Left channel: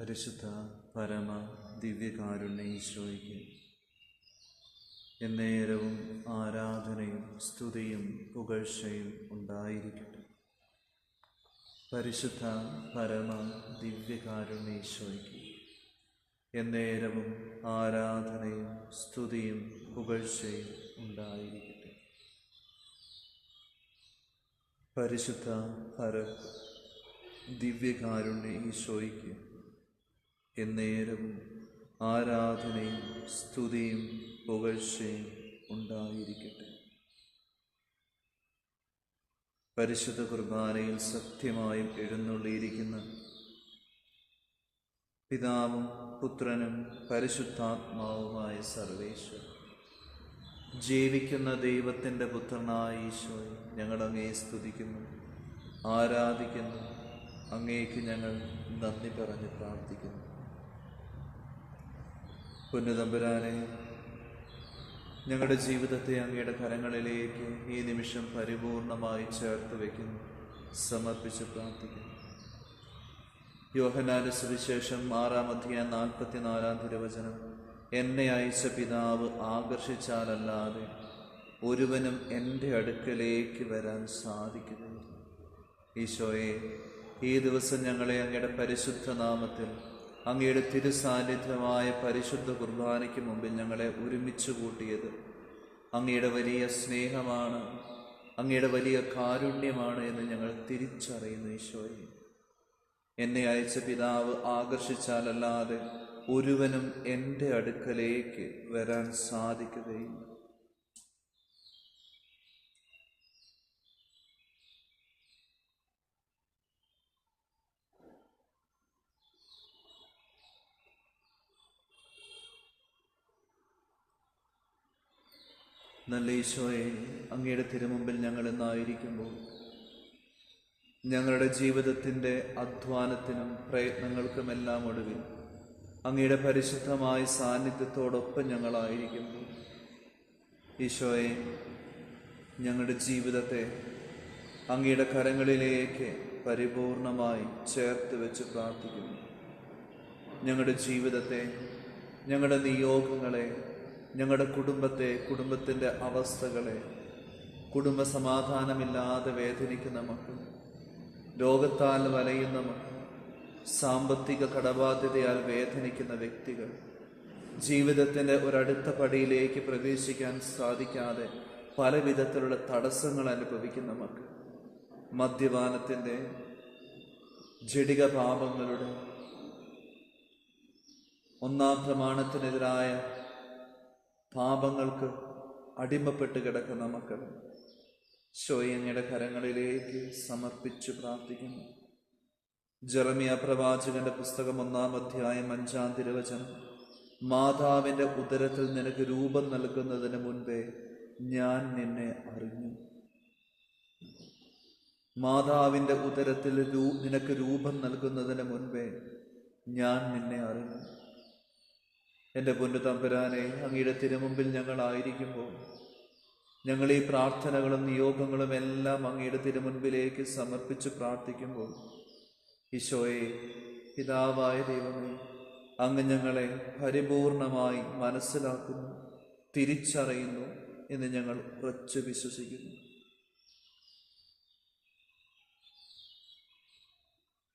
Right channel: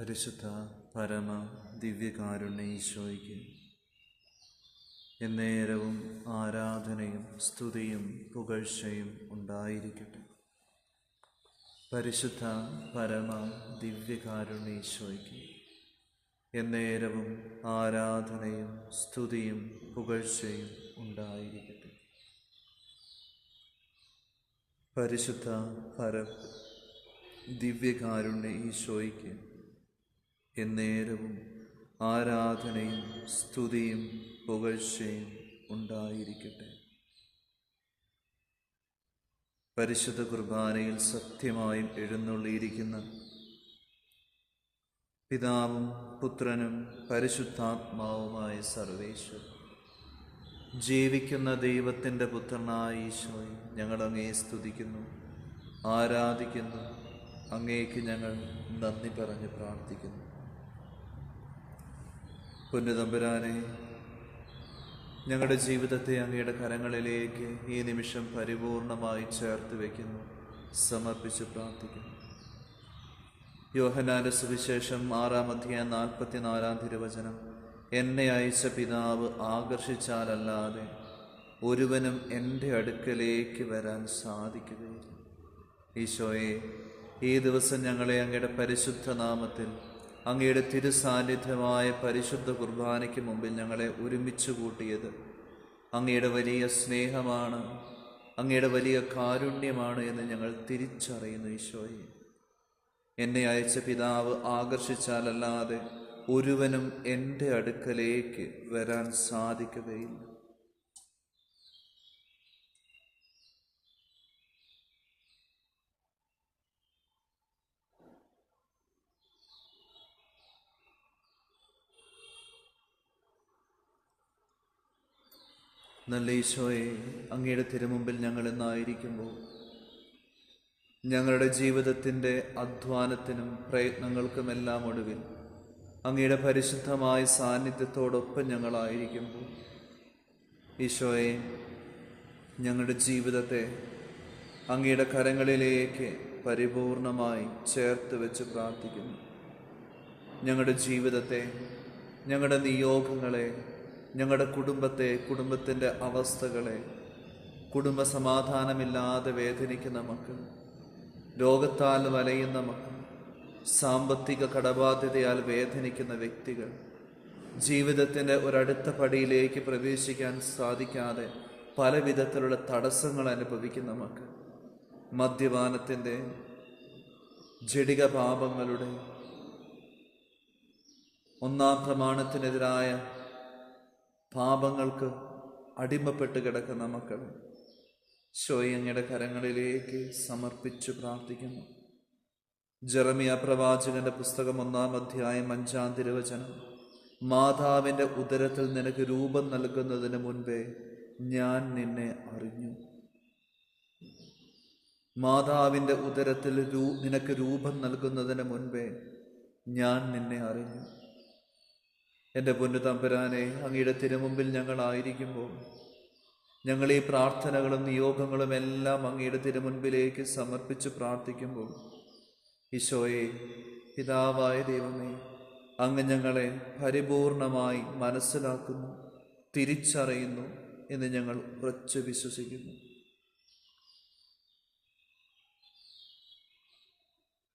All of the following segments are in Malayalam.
പരിശുദ്ധ പരമ ദിവ്യകാരുണ്യ ഈശോയ്ക്ക് എന്നേരവും ആരാധനയും സ്തുതിയും പുകഴ്ചയും ഉണ്ടായിരിക്കട്ടെ. പരിശുദ്ധ പരമ ദിവ്യകാരുണ്യ ഈശോയ്ക്ക് എന്നേരവും ആരാധനയും സ്തുതിയും പുകഴ്ചയും ഉണ്ടായിരിക്കട്ടെ. പരിശുദ്ധ പരമ ദിവ്യകാരുണ്യ ഈശോയ്ക്ക് എന്നേരവും ആരാധനയും സ്തുതിയും പുകഴ്ചയും ഉണ്ടായിരിക്കട്ടെ. പരിശുദ്ധ കുർബാനയിൽ സത്യമായും എഴുന്നള്ളിയിരിക്കുന്ന പിതാവും പുത്രനും പരിശുദ്ധാത്മാവുമായ സർവേശ്വരൻ, ജീവിക്കുന്ന ദൈവത്തിൻ്റെ പുത്രനായ ഈശോയെ, ഞങ്ങൾ അങ്ങയെ സ്തുതിക്കുന്നു, ആരാധിക്കുന്നു. അങ്ങേക്ക് ഞങ്ങൾ നന്ദി പറഞ്ഞ് പ്രാർത്ഥിക്കുന്നു. പൊന്നുതമ്പുരാനെ, ഞങ്ങളുടെ ജീവിതത്തെ അങ്ങയുടെ കരങ്ങളിലേക്ക് ഈ നിമിഷം പരിപൂർണമായി ചേർത്ത് വയ്ക്കുന്നു, സമർപ്പിച്ച് പ്രാർത്ഥിക്കുന്നു. യോഹന്നാന്റെ സുവിശേഷം 6-44 തിരുവചനം, എന്നെ അയച്ച പിതാവ് ആകർഷിച്ചാലല്ലാതെ ഒരുവനും എൻ്റെ അടുക്കലേക്ക് വരാൻ സാധിക്കുകയില്ല. ഈശോയെ, ഈ ദിവസം ഞങ്ങളെ അങ്ങയുടെ പരിശുദ്ധ നാമത്തിൽ അങ്ങയുടെ തിരുസാന്നിധ്യമായ പരിശുദ്ധ കുർബാനയ്ക്ക് മുമ്പിൽ ഞങ്ങളെ ഒരുമിച്ച് കൂട്ടിയത് അങ്ങയുടെ വലിയ സ്നേഹമാണ്, അങ്ങയുടെ വലിയ കാരുണ്യമാണ് എന്ന് ഞങ്ങൾ തിരിച്ചറിയുന്നു. ഈശോയെ, എന്നെ അയച്ച പിതാവ് ആകർഷിച്ചാലല്ലാതെ ഒരുവനും എൻ്റെ അടുക്കലേക്ക് വരാൻ സാധിക്കുകയില്ല. നല്ല ഈശോയെ, അങ്ങയുടെ തിരുമുമ്പിൽ ഞങ്ങൾ ഇന്നായിരിക്കുമ്പോൾ ഞങ്ങളുടെ ജീവിതത്തിൻ്റെ അധ്വാനത്തിനും പ്രയത്നങ്ങൾക്കുമെല്ലാം ഒടുവിൽ അങ്ങയുടെ പരിശുദ്ധമായ സാന്നിധ്യത്തോടൊപ്പം ഞങ്ങളായിരിക്കുമ്പോൾ ഈശോയെ, ഞങ്ങളുടെ ജീവിതത്തെ അങ്ങയുടെ കരങ്ങളിലേക്ക് പരിപൂർണമായി ചേർത്ത് വെച്ച് പ്രാർത്ഥിക്കുന്നു. ഞങ്ങളുടെ ജീവിതത്തെ, ഞങ്ങളുടെ നിയോഗങ്ങളെ, ഞങ്ങളുടെ കുടുംബത്തെ, കുടുംബത്തിൻ്റെ അവസ്ഥകളെ, കുടുംബ സമാധാനമില്ലാതെ വേദനിക്കുന്ന മക്കൾ, രോഗത്താൽ വലയുന്ന മക്കൾ, സാമ്പത്തിക കടബാധ്യതയാൽ വേദനിക്കുന്ന വ്യക്തികൾ, ജീവിതത്തിൻ്റെ ഒരടുത്ത പടിയിലേക്ക് പ്രവേശിക്കാൻ സാധിക്കാതെ പല വിധത്തിലുള്ള തടസ്സങ്ങൾ അനുഭവിക്കുന്ന മക്കൾ, മദ്യപാനത്തിൻ്റെ, ജഡിക പാപങ്ങളുടെ, ഒന്നാം പ്രമാണത്തിനെതിരായ പാപങ്ങൾക്ക് അടിമപ്പെട്ട് കിടക്കുന്ന മക്കൾ അങ്ങയുടെ കരങ്ങളിലേക്ക് സമർപ്പിച്ച് പ്രാർത്ഥിക്കുന്നു. ജെറമിയ പ്രവാചകന്റെ പുസ്തകം 1-ാം 5 തിരുവചനം, മാതാവിൻ്റെ ഉദരത്തിൽ നിനക്ക് രൂപം നൽകുന്നതിന് മുൻപേ ഞാൻ നിന്നെ അറിഞ്ഞു. മാതാവിൻ്റെ ഉദരത്തിൽ നിനക്ക് രൂപം നൽകുന്നതിന് മുൻപേ ഞാൻ നിന്നെ അറിഞ്ഞു. എൻ്റെ പൊന്നു തമ്പുരാനെ, അങ്ങയുടെ തിരുമുമ്പിൽ ഞങ്ങളായിരിക്കുമ്പോൾ ഞങ്ങൾ ഈ പ്രാർത്ഥനകളും നിയോഗങ്ങളും എല്ലാം അങ്ങയുടെ തിരുമുൻപിലേക്ക് സമർപ്പിച്ച് പ്രാർത്ഥിക്കുമ്പോൾ ഈശോയെ, പിതാവായ ദൈവമേ, അങ്ങ് ഞങ്ങളെ പരിപൂർണമായി മനസ്സിലാക്കുന്നു, തിരിച്ചറിയുന്നു എന്ന് ഞങ്ങൾ ഉറച്ചു വിശ്വസിക്കുന്നു.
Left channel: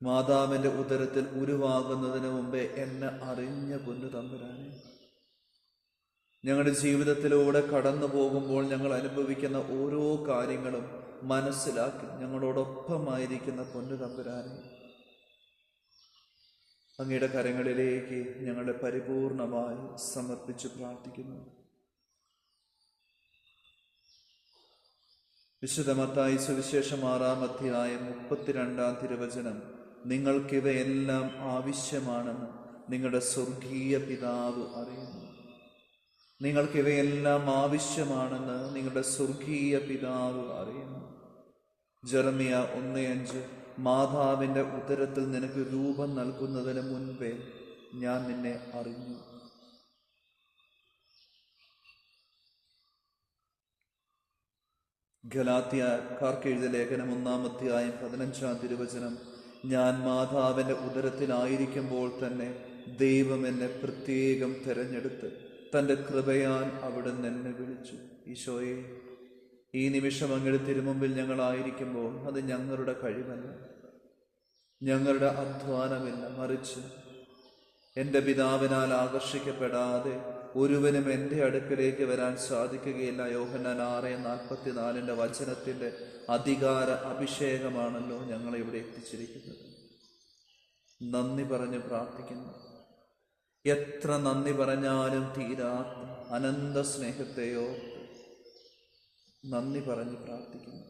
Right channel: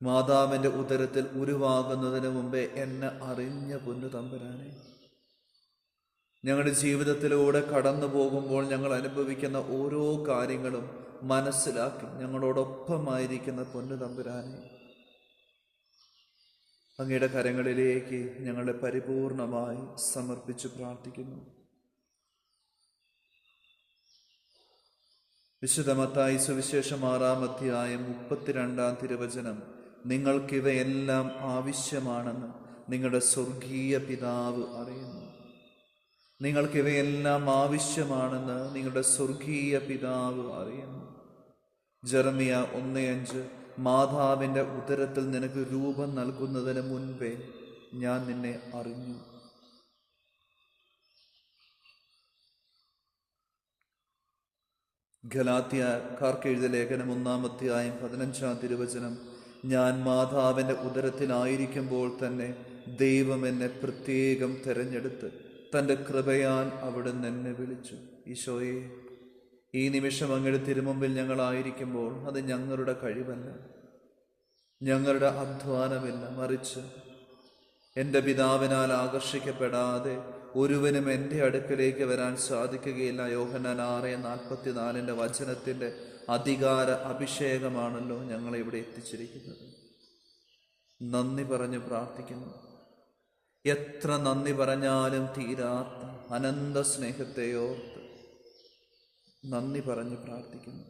മാതാവിൻ്റെ ഉദരത്തിൽ ഉരുവാകുന്നതിന് മുമ്പേ എന്നെ അറിഞ്ഞ പൊന്നു തമ്പുരാനെ, ഞങ്ങളുടെ ജീവിതത്തിലൂടെ കടന്നു പോകുമ്പോൾ ഞങ്ങൾ അനുഭവിക്കുന്ന ഓരോ കാര്യങ്ങളും മനസ്സിലാക്കി ഞങ്ങളോടൊപ്പമായിരിക്കുന്ന പൊന്നു തമ്പുരാനെ, അങ്ങയുടെ കരങ്ങളിലേക്ക് ഞങ്ങളെ പരിപൂർണമായി സമർപ്പിച്ച് പ്രാർത്ഥിക്കുന്നു. വിശുദ്ധ മത്തായി സുവിശേഷം 6-ാം തിരുവചനം, നിങ്ങൾക്കിവയെല്ലാം ആവശ്യമാണെന്ന് നിങ്ങളുടെ സ്വർഗീയ പിതാവ് അറിയുന്നു. നിങ്ങൾക്കിവയെല്ലാം ആവശ്യമാണെന്ന് നിങ്ങളുടെ സ്വർഗീയ പിതാവ് അറിയുന്നു. ജെറമിയ 1:5, മാതാവിൻ്റെ ഉദരത്തിൽ നിനക്ക് രൂപം നൽകുന്നതിന് മുൻപേ ഞാൻ നിന്നെ അറിഞ്ഞു. ഗലാത്യക്കാർക്ക് എഴുതിയ ലേഖനം 1-ാം 15 തിരുവചനം, ഞാൻ മാതാവിൻ്റെ ഉദരത്തിലായിരിക്കുമ്പോൾ തന്നെ ദൈവം എന്നെ പ്രത്യേകം തിരഞ്ഞെടുത്ത് തൻ്റെ കൃപയാൽ അവിടുന്ന് എന്നെ വിളിച്ചു. ഈശോയെ, ഈ നിമിഷം അങ്ങയുടെ തിരുമുമ്പിൽ ഞങ്ങളായിരിക്കുമ്പോൾ അത് ഞങ്ങളുടെ കഴിവല്ല, ഞങ്ങളുടെ അധ്വാനമില്ല, മറിച്ച് എൻ്റെ പിതാവിനാൽ ആകർഷിക്കപ്പെടാതെ ഒരുവനും എൻ്റെ അടുക്കലേക്ക് വരാൻ സാധിക്കുകയില്ല. യോഹന്നാൻ 6:44 വചനത്തിൻ്റെ അധികാര അഭിഷേകമാണല്ലോ ഞങ്ങളെ ഇവിടെ എത്തിച്ചിരിക്കുന്നത്. നന്ദി പറഞ്ഞ് പ്രാർത്ഥിക്കുന്നു. എത്ര നന്ദി പറഞ്ഞാലും തീരാത്ത അനന്ത സ്നേഹത്തെയോർത്ത് നന്ദി പറഞ്ഞ് പ്രാർത്ഥിക്കുന്നു.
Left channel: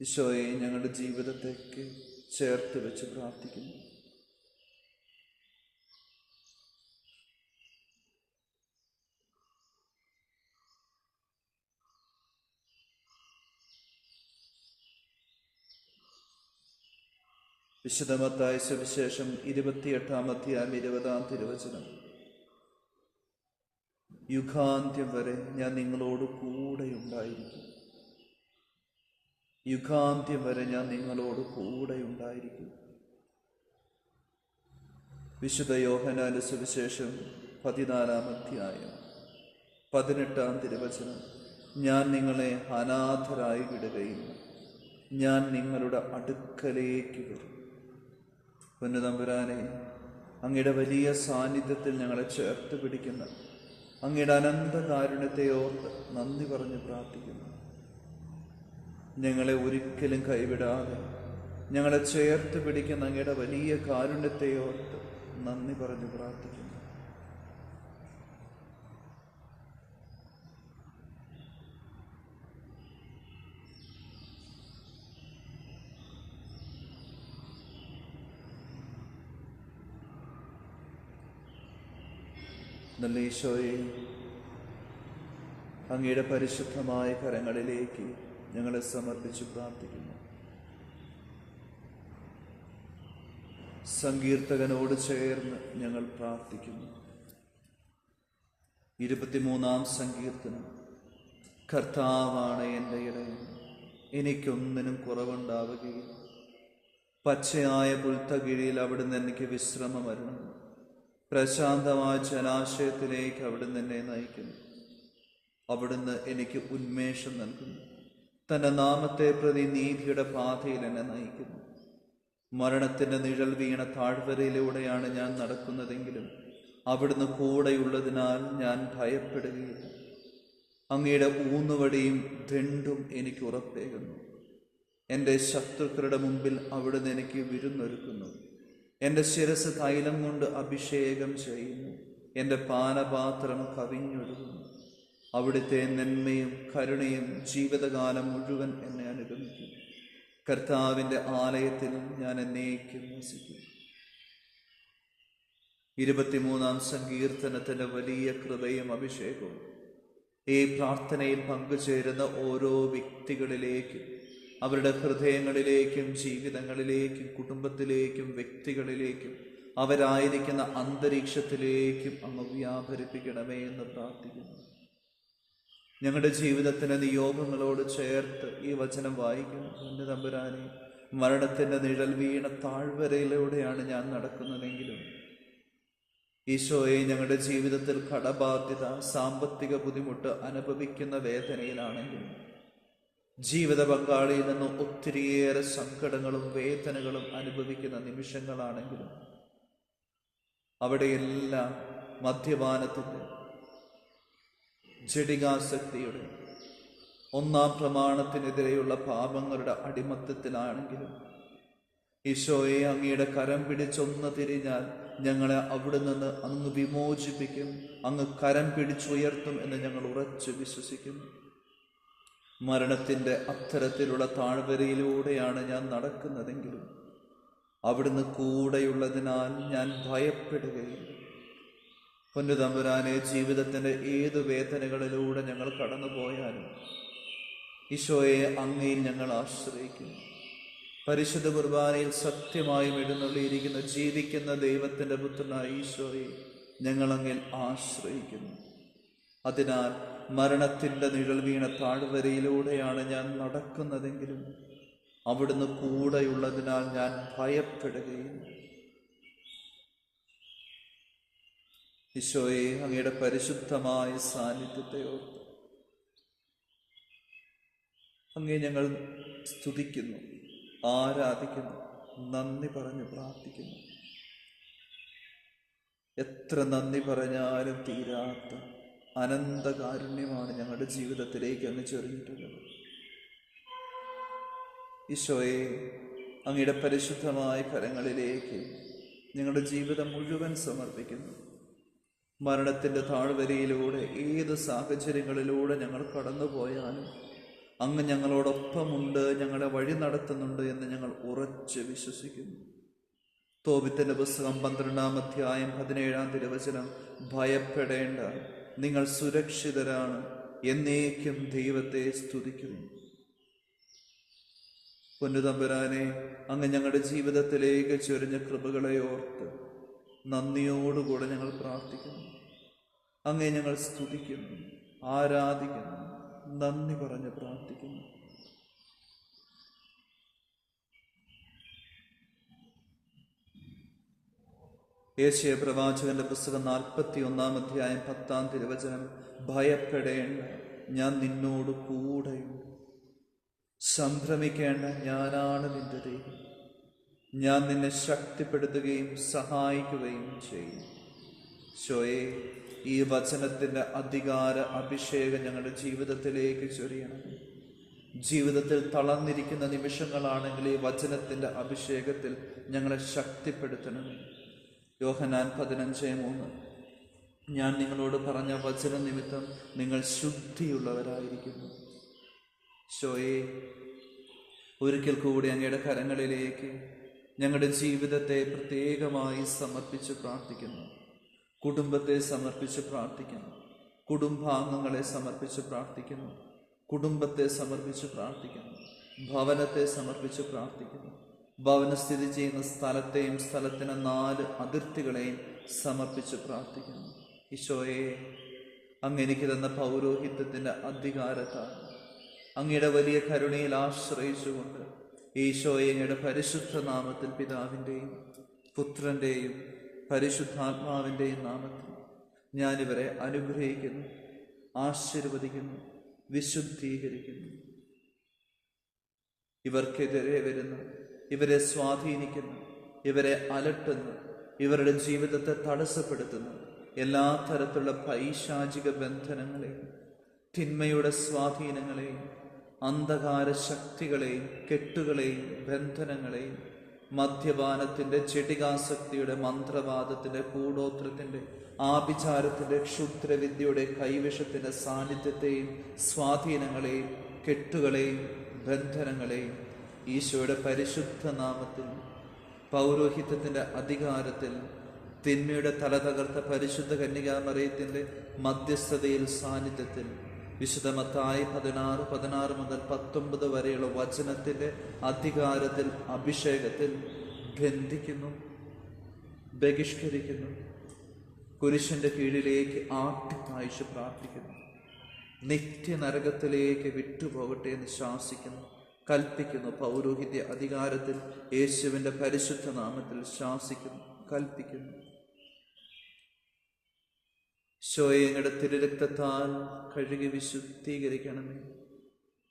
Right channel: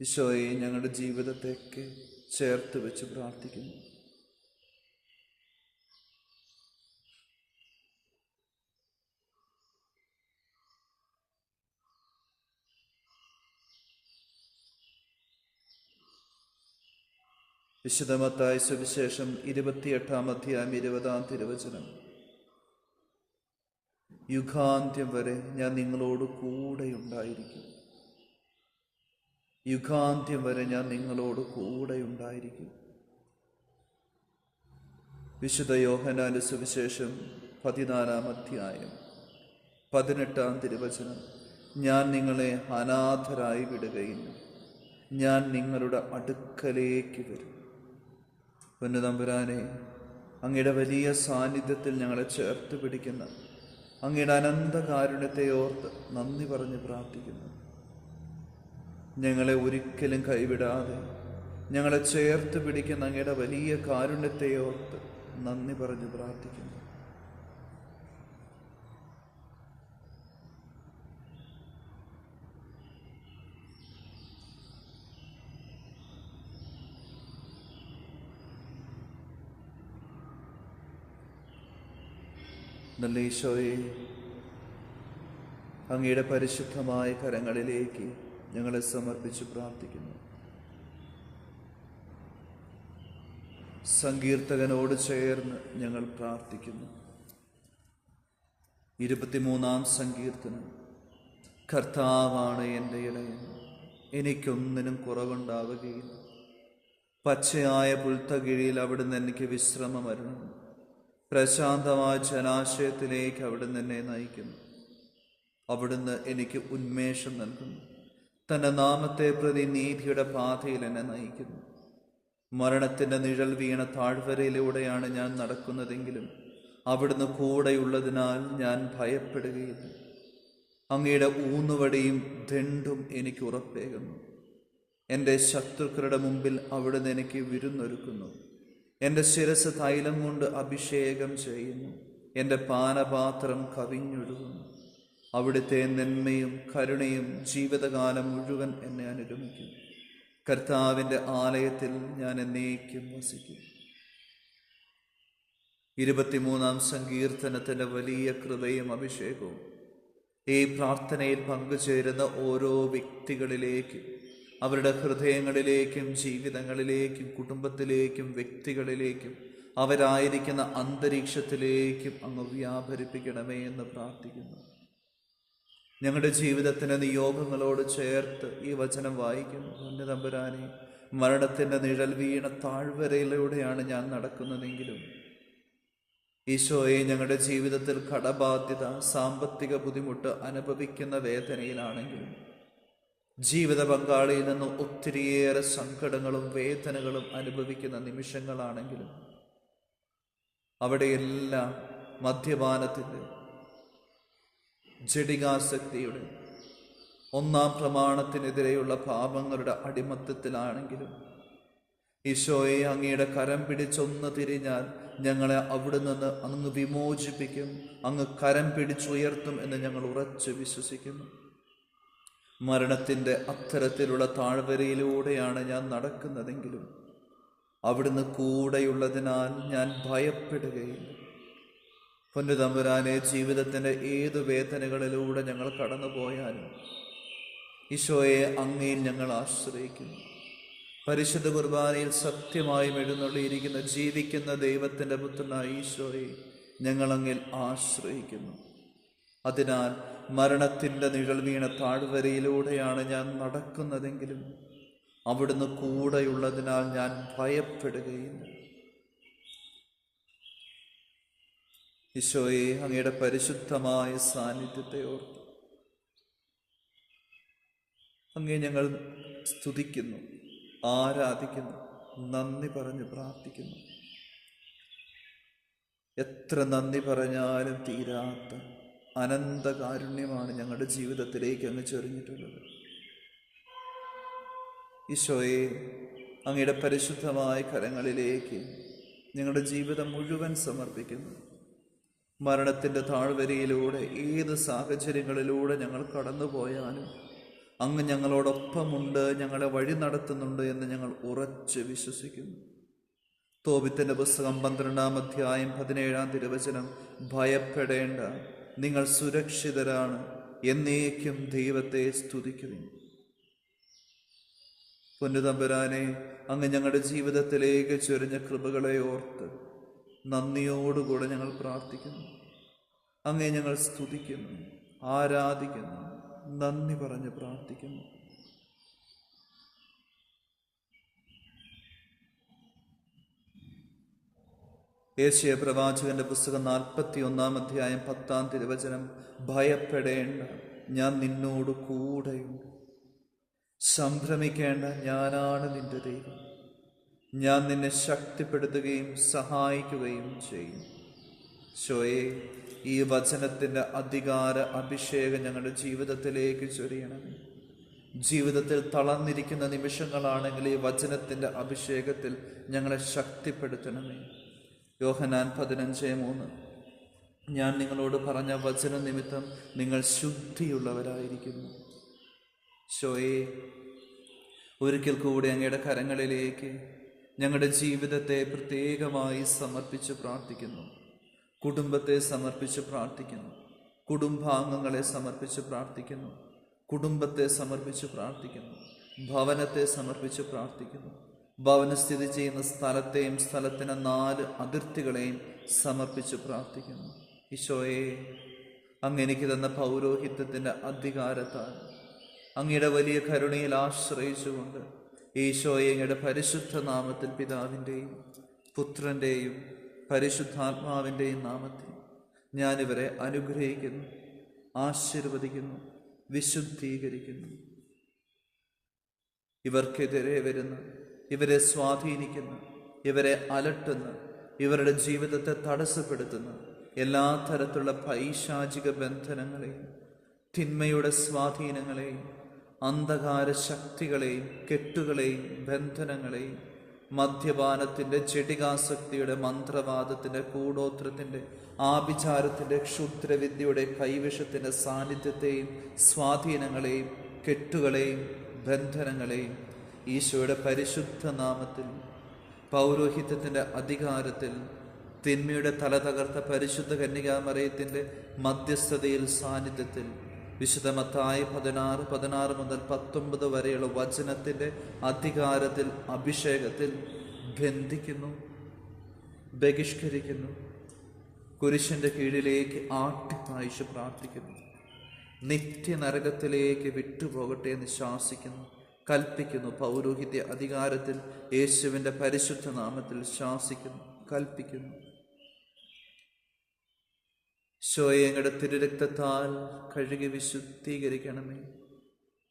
ഈശോയെ, ഞങ്ങളുടെ ജീവിതത്തേക്ക് ചേർത്ത് വെച്ച് പ്രാർത്ഥിക്കുന്നു. വിശുദ്ധ മത്തായി സുവിശേഷം 28-ാം അധ്യായം 20-ാം തിരുവചനം. യുഗാന്ത്യം വരെ ഞാൻ നിങ്ങളോട് കൂടെയുണ്ടായിരിക്കും. യുഗാന്ത്യം വരെ ഞാൻ നിങ്ങളോട് കൂടെയുണ്ടായിരിക്കും. വിശുദ്ധ യോഹന്നാന്റെ സുവിശേഷം 14-ാം അധ്യായം 18-ാം തിരുവചനം. ഞാൻ നിങ്ങളെ അനാഥരായി വിടുകയില്ല, ഞാൻ നിങ്ങളുടെ അടുക്കലേക്ക് വരും. പൊന്നുതമ്പുരാനെ, അങ്ങയുടെ വലിയ സാന്നിധ്യത്തിൽ ഞങ്ങളെ ചേർത്ത് പിടിക്കുന്ന അങ്ങയുടെ അനന്ത കാരുണ്യത്തെ ഓർത്ത് നന്ദി പറഞ്ഞ് പ്രാർത്ഥിക്കുന്നു. ഞങ്ങളെ ഒരിക്കലും കൈവിടാതെ ഞങ്ങളെ ചേർത്ത് പിടിക്കുന്ന അങ്ങയുടെ വലിയ കാരുണ്യത്തെ ഓർത്ത് നന്ദി പറഞ്ഞ് പ്രാർത്ഥിക്കുന്നു. നല്ല ഈശോയെ, അങ്ങയുടെ പരിശുദ്ധമായ കരങ്ങളിലേക്ക് ഞങ്ങളെ സമർപ്പിച്ച് പ്രാർത്ഥിക്കുന്നു. സങ്കീർത്തകനോട് ചേർന്ന് ഞങ്ങൾ പ്രാർത്ഥിക്കുന്നു. 23-ാം സങ്കീർത്തനം. കർത്താവാണ് എൻ്റെ ഇടയൻ, എനിക്കൊന്നിനും കുറവുണ്ടാവുകയില്ല. പച്ചയായ പുൽത്തകിഴിയിൽ അവിടുന്ന് എനിക്ക് വിശ്രമം അരുളുന്നു. പ്രശാന്തമായ ജലാശയത്തിലേക്ക് അവിടുന്ന് എന്നെ നയിക്കുന്നു. അവിടുന്ന് എനിക്ക് ഉന്മേഷം നൽകുന്നു. തൻ്റെ നാമത്തെ പ്രതി നീതിയുടെ പാതയിൽ എന്നെ നയിക്കുന്നു. മരണത്തിൻ്റെ നിഴൽ വീണ താഴ്വരയിലൂടെയാണ് ഞാൻ നടക്കുന്നതെങ്കിലും അവിടുന്ന് കൂടെയുള്ളതിനാൽ ഞാൻ ഭയപ്പെടുകയില്ല. അങ്ങയുടെ ഊന്നുവടിയും ദണ്ഡും എനിക്ക് ഉറപ്പേകുന്നു. എൻ്റെ ശത്രുക്കളുടെ മുമ്പിൽ അവിടുന്ന് എനിക്ക് വിരുന്നൊരുക്കുന്നു. എൻ്റെ ശിരസ് തൈലം കൊണ്ട് അഭിഷേകം ചെയ്യുന്നു. എൻ്റെ പാനപാത്രം കവിഞ്ഞൊഴുകുന്നു. അവിടുത്തെ നന്മയും കരുണയും ജീവിതകാലം മുഴുവൻ എന്നെ അനുഗമിക്കും. കർത്താവിൻ്റെ ആലയത്തിൽ ഞാൻ എന്നേക്കും വസിക്കും. 23-ാം സങ്കീർത്തനത്തിൻ്റെ വലിയ കൃപയും അഭിഷേകവും ഈ പ്രാർത്ഥനയിൽ പങ്കുചേരുന്ന ഓരോ വ്യക്തികളിലേക്കും, അവരുടെ ഹൃദയങ്ങളിലേക്കും, ജീവിതങ്ങളിലേക്കും, കുടുംബത്തിലേക്കും, വ്യക്തികളിലേക്കും, അവരായിരിക്കുന്ന അന്തരീക്ഷത്തിലേക്കും അങ്ങ് വ്യാപരിപ്പിക്കണമേ എന്ന് പ്രാർത്ഥിക്കുന്നു. ഞങ്ങളുടെ ജീവിതത്തിൻ്റെ നിയോഗങ്ങളോട് ചേർത്ത് ഈ വചനം വായിക്കുന്നു. എൻ്റെ തമ്പുരാനെ, മരണത്തിൻ്റെ നിഴൽ വീണ താഴ്വരയിലൂടെയാണ് ഞാൻ നടക്കുന്നതെങ്കിലും ഈശോയെ, ഞങ്ങളുടെ ജീവിതത്തിൽ കടബാധ്യത, സാമ്പത്തിക ബുദ്ധിമുട്ട് അനുഭവിക്കുന്ന വേദനയിലാണെങ്കിലും ജീവിത പങ്കാളിയിൽ നിന്ന് ഒത്തിരിയേറെ സങ്കടങ്ങളും വേദനകളും അനുഭവിക്കുന്ന നിമിഷങ്ങളാണെങ്കിലും അവിടെയെല്ലാം മദ്യപാനത്തിൻ്റെ, ജഡികാസക്തിയുടെ, 1-ാം പ്രമാണത്തിനെതിരെയുള്ള പാപങ്ങളുടെ അടിമത്തത്തിലാണെങ്കിലും ഈശോയെ, അങ്ങയുടെ കരം പിടിച്ചൊന്ന് തിരിഞ്ഞാൽ ഞങ്ങളെ അവിടെ നിന്ന് അങ്ങ് വിമോചിപ്പിക്കും, അങ്ങ് കരം പിടിച്ചുയർത്തും എന്ന് ഞങ്ങൾ ഉറച്ചു വിശ്വസിക്കുന്നു. മരണത്തിൻ്റെ അത്തരത്തിലുള്ള താഴ്വരയിലൂടെയാണ് ഞാൻ നടക്കുന്നതെങ്കിലും അവിടുന്ന് കൂടെയുള്ളതിനാൽ ഞാൻ ഭയപ്പെടുകയില്ല. പൊന്നുതമ്പുരാനെ, ജീവിതത്തിൻ്റെ ഏതു വേദനകളിലൂടെ ഞങ്ങൾ കടന്നുപോയാലും ഈശോയെ, അങ്ങയിൽ ഞങ്ങൾ ആശ്രയിക്കുന്നു. പരിശുദ്ധ കുർബാനയിൽ സത്യമായും എഴുന്നള്ളിയിരിക്കുന്ന ജീവിക്കുന്ന ദൈവത്തിൻ്റെ പുത്രനായ ഈശോയെ ഞങ്ങൾ അങ്ങിൽ ആശ്രയിക്കുന്നു. അതിനാൽ മരണത്തിൻ്റെ നിഴൽ വീണ താഴ്വരയിലൂടെയാണ് ഞാൻ നടക്കുന്നതെങ്കിലും അവിടുന്ന് കൂടെയുള്ളതിനാൽ ഞാൻ ഭയപ്പെടുകയില്ല. ഈശോയെ, അങ്ങയുടെ പരിശുദ്ധമായ സാന്നിധ്യത്തെ ഓർത്ത് അങ്ങേ ഞങ്ങൾ സ്തുതിക്കുന്നു, ആരാധിക്കുന്നു, നന്ദി പറഞ്ഞ് പ്രാർത്ഥിക്കുന്നു. എത്ര നന്ദി പറഞ്ഞാലും തീരാത്ത അനന്തകാരുണ്യമാണ് ഞങ്ങളുടെ ജീവിതത്തിലേക്ക് അങ്ങ് ചൊരിഞ്ഞിട്ടുള്ളത്. ഈശോയെ, അങ്ങയുടെ പരിശുദ്ധമായ കരങ്ങളിലേക്ക് ഞങ്ങളുടെ ജീവിതം മുഴുവൻ സമർപ്പിക്കുന്നു. മരണത്തിൻ്റെ താഴ്വരയിലൂടെ ഏത് സാഹചര്യങ്ങളിലൂടെ ഞങ്ങൾ കടന്നുപോയാലും അങ്ങ് ഞങ്ങളോടൊപ്പമുണ്ട്, ഞങ്ങളെ വഴി നടത്തുന്നുണ്ട് എന്ന് ഞങ്ങൾ ഉറച്ച് വിശ്വസിക്കുന്നു. തോബിത്തിന്റെ പുസ്തകം 12-ാം അധ്യായം 17-ാം തിരുവചനം, ഭയപ്പെടേണ്ട, നിങ്ങൾ സുരക്ഷിതരാണ്, എന്നേക്കും ദൈവത്തെ സ്തുതിക്കുന്നു. പൊന്നുതമ്പുരാനെ, അങ്ങ് ഞങ്ങളുടെ ജീവിതത്തിലേക്ക് ചൊരിഞ്ഞ കൃപകളെ ഓർത്ത് നന്ദിയോടുകൂടെ ഞങ്ങൾ പ്രാർത്ഥിക്കുന്നു. അങ്ങേ ഞങ്ങൾ സ്തുതിക്കുന്നു, ആരാധിക്കുന്നു, നന്ദി പറഞ്ഞ് പ്രാർത്ഥിക്കുന്നു. യേശയ്യാ പ്രവാചകന്റെ പുസ്തകം 41-ാം അധ്യായം 10-ാം തിരുവചനം, ഭയപ്പെടേണ്ട, ഞാൻ നിന്നോട് കൂടെയുണ്ട്. സംഭ്രമിക്കേണ്ട, ഞാനാണ് നിന്റെ ദൈവം. ഞാൻ നിന്നെ ശക്തിപ്പെടുത്തുകയും സഹായിക്കുകയും ചെയ്യും. ഈശോയെ, ഈ വചനത്തിൻ്റെ അധികാര അഭിഷേകം ഞങ്ങളുടെ ജീവിതത്തിലേക്ക് ചൊരിയണമേ. ജീവിതത്തിൽ തളർന്നിരിക്കുന്ന നിമിഷങ്ങളാണെങ്കിൽ ഈ വചനത്തിൻ്റെ അഭിഷേകത്തിൽ ഞങ്ങളെ ശക്തിപ്പെടുത്തണമേ. യോഹന്നാൻ 15:3, ഞാൻ നിങ്ങളോട് പറഞ്ഞ വചന നിമിത്തം നിങ്ങൾ ശുദ്ധിയുള്ളവരായിരിക്കുന്നു. ഈശോയെ, ഒരിക്കൽ കൂടി അങ്ങയുടെ കരങ്ങളിലേക്ക് ഞങ്ങളുടെ ജീവിതത്തെ പ്രത്യേകമായി സമർപ്പിച്ച് പ്രാർത്ഥിക്കുന്നു. കുടുംബത്തെ സമർപ്പിച്ച് പ്രാർത്ഥിക്കുന്നു, കുടുംബാംഗങ്ങളെ സമർപ്പിച്ച് പ്രാർത്ഥിക്കുന്നു, കുടുംബത്തെ സമർപ്പിച്ച് പ്രാർത്ഥിക്കുന്നു, ഭവനത്തെ സമർപ്പിച്ച് പ്രാർത്ഥിക്കുന്നു, ഭവനം സ്ഥിതി ചെയ്യുന്ന സ്ഥലത്തെയും സ്ഥലത്തിന് 4 അതിർത്തികളെയും സമർപ്പിച്ച് പ്രാർത്ഥിക്കുന്നു. ഈശോയെ, അങ്ങ് എനിക്ക് തന്ന പൗരോഹിത്യത്തിൻ്റെ അധികാരത്താൽ അങ്ങയുടെ വലിയ കരുണയിൽ ആശ്രയിച്ചുകൊണ്ട് ഈശോയെ, അങ്ങയുടെ പരിശുദ്ധ നാമത്തിൽ പിതാവിൻ്റെയും പുത്രൻ്റെയും പരിശുദ്ധാത്മാവിൻ്റെയും നാമത്തിൽ ഞാനിവരെ അനുഗ്രഹിക്കുന്നു, ആശീർവദിക്കുന്നു, വിശുദ്ധീകരിക്കുന്നു. ഇവർക്കെതിരെ വരുന്നു, ഇവരെ സ്വാധീനിക്കുന്നു, ഇവരെ അലട്ടുന്നു, ഇവരുടെ ജീവിതത്തെ തടസ്സപ്പെടുത്തുന്നു എല്ലാ തരത്തിലുള്ള പൈശാചിക ബന്ധനങ്ങളെയും തിന്മയുടെ സ്വാധീനങ്ങളെയും അന്ധകാര ശക്തികളെയും കെട്ടുകളെയും ബന്ധനങ്ങളെയും മദ്യപാനത്തിൻ്റെ ജഡികാസക്തിയുടെ മന്ത്രവാദത്തിൻ്റെ കൂടോത്രത്തിൻ്റെ ആഭിചാരത്തിൻ്റെ ക്ഷുദ്രവിദ്യയുടെ കൈവശത്തിൻ്റെ സാന്നിധ്യത്തെയും സ്വാധീനങ്ങളെയും കെട്ടുകളെയും ബന്ധനങ്ങളെയും ഈശോയുടെ പരിശുദ്ധ നാമത്തിൽ പൗരോഹിത്യത്തിൻ്റെ അധികാരത്തിൽ തിന്മയുടെ തല തകർത്ത പരിശുദ്ധ കന്യകാമറിയത്തിൻ്റെ മധ്യസ്ഥതയിൽ സാന്നിധ്യത്തിൽ വിശുദ്ധ മത്തായി 16 മുതൽ 19 വരെയുള്ള വചനത്തിൻ്റെ അധികാരത്തിൽ അഭിഷേകത്തിൽ ബന്ധിക്കുന്നു, ബഹിഷ്കരിക്കുന്നു, കുരിശിൻ്റെ കീഴിലേക്ക് ആട്ടിപ്പായിച്ച് പ്രാർത്ഥിക്കുന്നു, നിത്യനരകത്തിലേക്ക് വിട്ടുപോകട്ടെ എന്ന് ശാസിക്കുന്നു, കൽപ്പിക്കുന്നു. പൗരോഹിത്യ അധികാരത്തിൽ യേശുവിൻ്റെ പരിശുദ്ധ നാമത്തിൽ ശാസിക്കുന്നു, കൽപ്പിക്കുന്നു. ഈശോയെ, തിരുരക്തത്താൽ കഴുകി വിശുദ്ധീകരിക്കണമേ.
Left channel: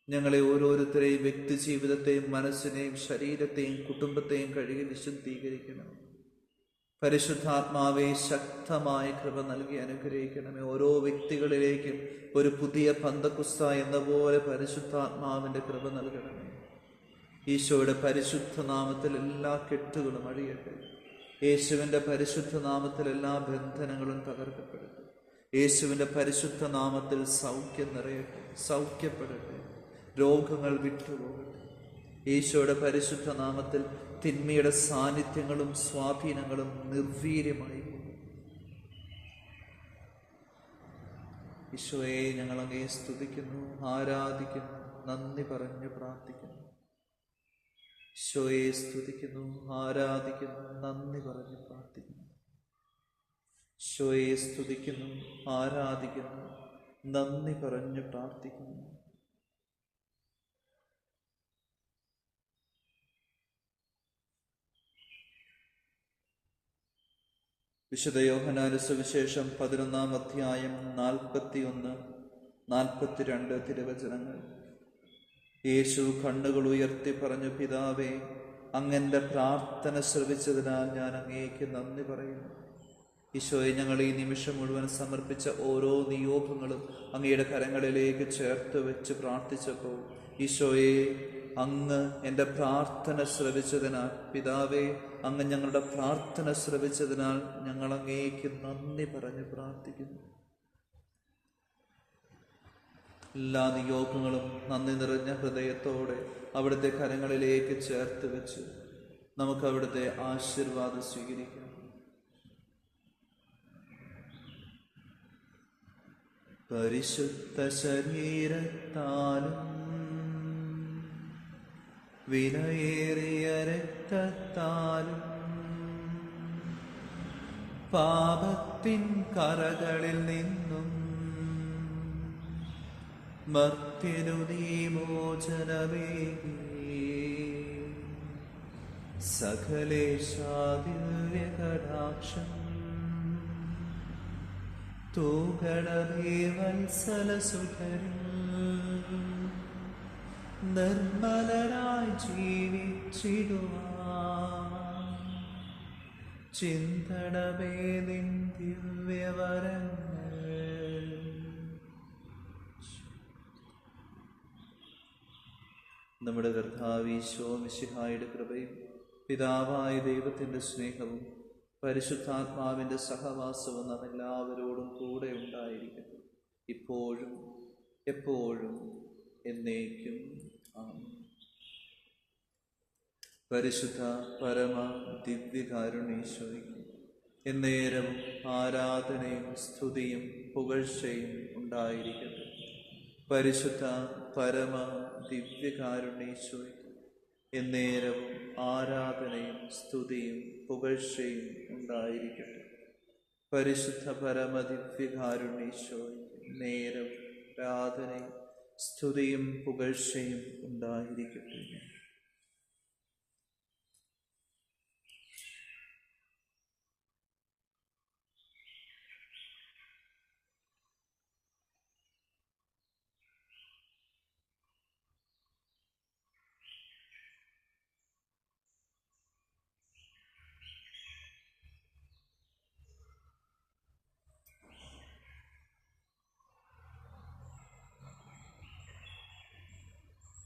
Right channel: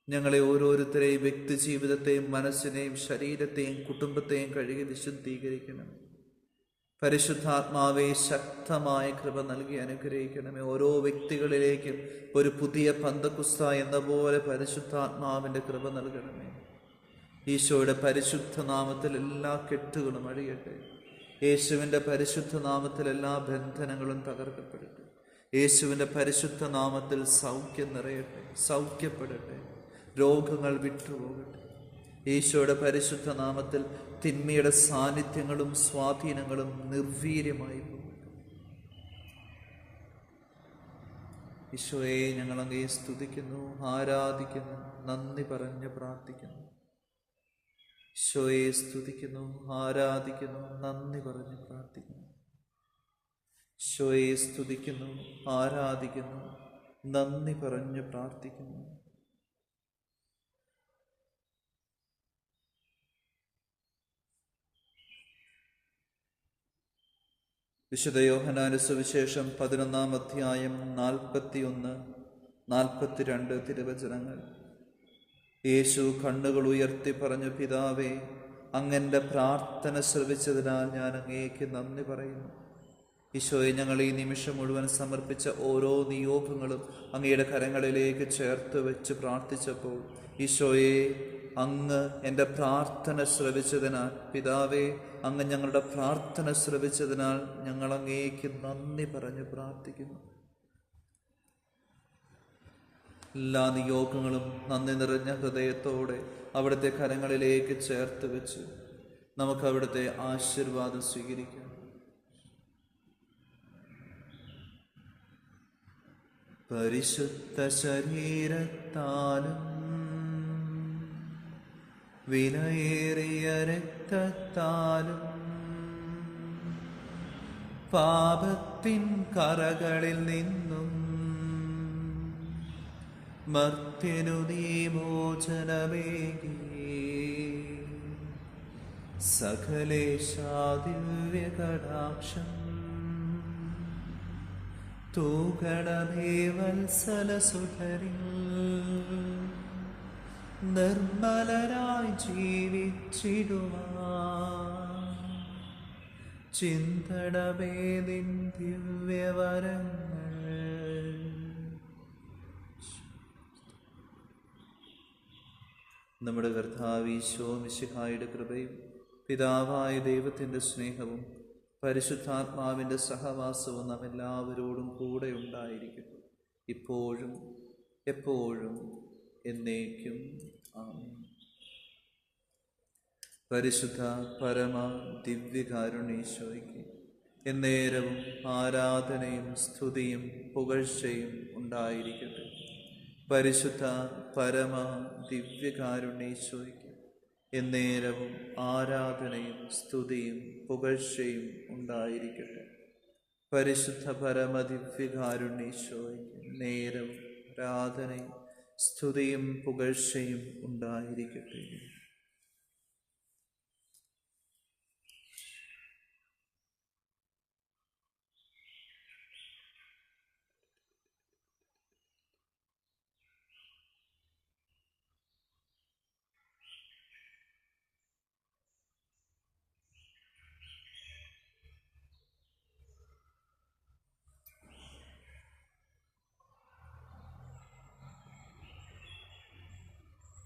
ഞങ്ങളെ ഓരോരുത്തരെയും വ്യക്തി ജീവിതത്തെയും മനസ്സിനെയും ശരീരത്തെയും കുടുംബത്തെയും കഴുകി വിശുദ്ധീകരിക്കണമേ. പരിശുദ്ധാത്മാവെ, ശക്തമായ കൃപ നൽകി അനുഗ്രഹിക്കണമേ. ഓരോ വ്യക്തികളിലേക്കും ഒരു പുതിയ പന്തക്കുസ്ത എന്ന പോലെ പരിശുദ്ധാത്മാവിൻ്റെ കൃപ നൽകണമേ. ഈശോയുടെ പരിശുദ്ധ നാമത്തിൽ എല്ലാ കെട്ടുകളും അഴിയട്ടെ. യേശുവിൻ്റെ പരിശുദ്ധ നാമത്തിൽ എല്ലാ ബന്ധനങ്ങളും തകർക്കപ്പെടട്ടെ. യേശുവിൻ്റെ പരിശുദ്ധ നാമത്തിൽ സൗഖ്യം നിറയട്ടെ, സൗഖ്യപ്പെടട്ടെ, രോഗങ്ങൾ വിട്ടുപോകട്ടെ. ഈശോയുടെ പരിശുദ്ധ നാമത്തിൽ തിന്മയുടെ സാന്നിധ്യങ്ങളും സ്വാധീനങ്ങളും നിർവീര്യമായി പോകട്ടെ. ഈശോയെ, ഞങ്ങൾ അങ്ങേ സ്തുതിക്കുന്നു, ആരാധിക്കുന്നു, നന്ദി പറഞ്ഞ് പ്രാർത്ഥിക്കുന്നു. ഈശോയെ സ്തുതിക്കുന്നു, ആരാധിക്കുന്നു, നന്ദി പറഞ്ഞ് പ്രാർത്ഥിക്കുന്നു. ഈശോയെ സ്തുതിക്കുന്നു, ആരാധിക്കുന്നു, നന്ദി പറഞ്ഞ് പ്രാർത്ഥിക്കുന്നു. വിശുദ്ധ യോഹന്നാന്റെ സുവിശേഷം 11-ാം അധ്യായം 41-42 തിരുവചനങ്ങൾ. യേശു കണ്ണുകൾ ഉയർത്തി പറഞ്ഞു, പിതാവേ, അങ്ങന്റെ പ്രാർത്ഥന ശ്രവിച്ചതിനാൽ ഞാൻ അങ്ങേക്ക് നന്ദി പറയുന്നു. ഈശോയെ, ഞങ്ങൾ ഈ നിമിഷം മുഴുവൻ സമർപ്പിച്ച ഓരോ നിയോഗങ്ങളും അങ്ങയുടെ കരങ്ങളിലേക്ക് ചേർത്ത് വെച്ച് പ്രാർത്ഥിച്ചപ്പോൾ, ഈശോയെ, അങ്ങ് എൻ്റെ പ്രാർത്ഥന ശ്രവിച്ചതിനാൽ, പിതാവേ, അങ്ങ് ഞങ്ങളുടെ പ്രാർത്ഥന ശ്രവിച്ചതിനാൽ ഞങ്ങൾ അങ്ങേക്ക് നന്ദി പറഞ്ഞ് പ്രാർത്ഥിക്കുന്നു. എല്ലാ നിയോഗങ്ങളും നന്ദി നിറഞ്ഞ ഹൃദയത്തോടെ അവിടുത്തെ കരങ്ങളിലേക്ക് ചേർത്ത് വെച്ച് നമുക്ക് അവിടുത്തെ ആശീർവാദം സ്വീകരിക്കാം. പരിശുദ്ധ ശരീരത്താലും വിലയേറിയ രക്തത്താലും പാപത്തിൻ കറകളിൽ നിന്നും മർത്യനു നീ മോചനമേകി, സകലേശാദിവ്യകടാക്ഷം തൂകണമേ വത്സലസുധരിൽ. നിർമ്മലനായി ജീവിച്ചിടുവാൻ ചിന്തണമേ നിൻ ദിവ്യവരങ്ങൾ. നമ്മുടെ കർത്താവ് ഈശോ മിശിഹായുടെ കൃപയും പിതാവായ ദൈവത്തിൻ്റെ സ്നേഹവും പരിശുദ്ധാത്മാവിൻ്റെ സഹവാസവും നാം എല്ലാവരോടും കൂടെ ഉണ്ടായിരിക്കട്ടെ, ഇപ്പോഴും എപ്പോഴും എന്നേക്കും. ആമേൻ. പരിശുദ്ധ പരമ ദിവ്യകാരുണ്യേശ്വരിക്ക് എന്നേരവും ആരാധനയും സ്തുതിയും പുകഴ്ചയും ഉണ്ടായിരിക്കട്ടെ. പരിശുദ്ധ പരമ ദിവ്യകാരുണ്യേശ്വരിക്ക് എന്നേരവും ആരാധനയും സ്തുതിയും പുകഴ്ചയും ഉണ്ടായിരിക്കട്ടെ. പരിശുദ്ധ പരമ ദിവ്യകാരുണ്യേശ്വരിക്ക് നേരവും ആരാധനയും സ്തുതിയും പുകഴ്ചയും ഉണ്ടായിരിക്കട്ടെ.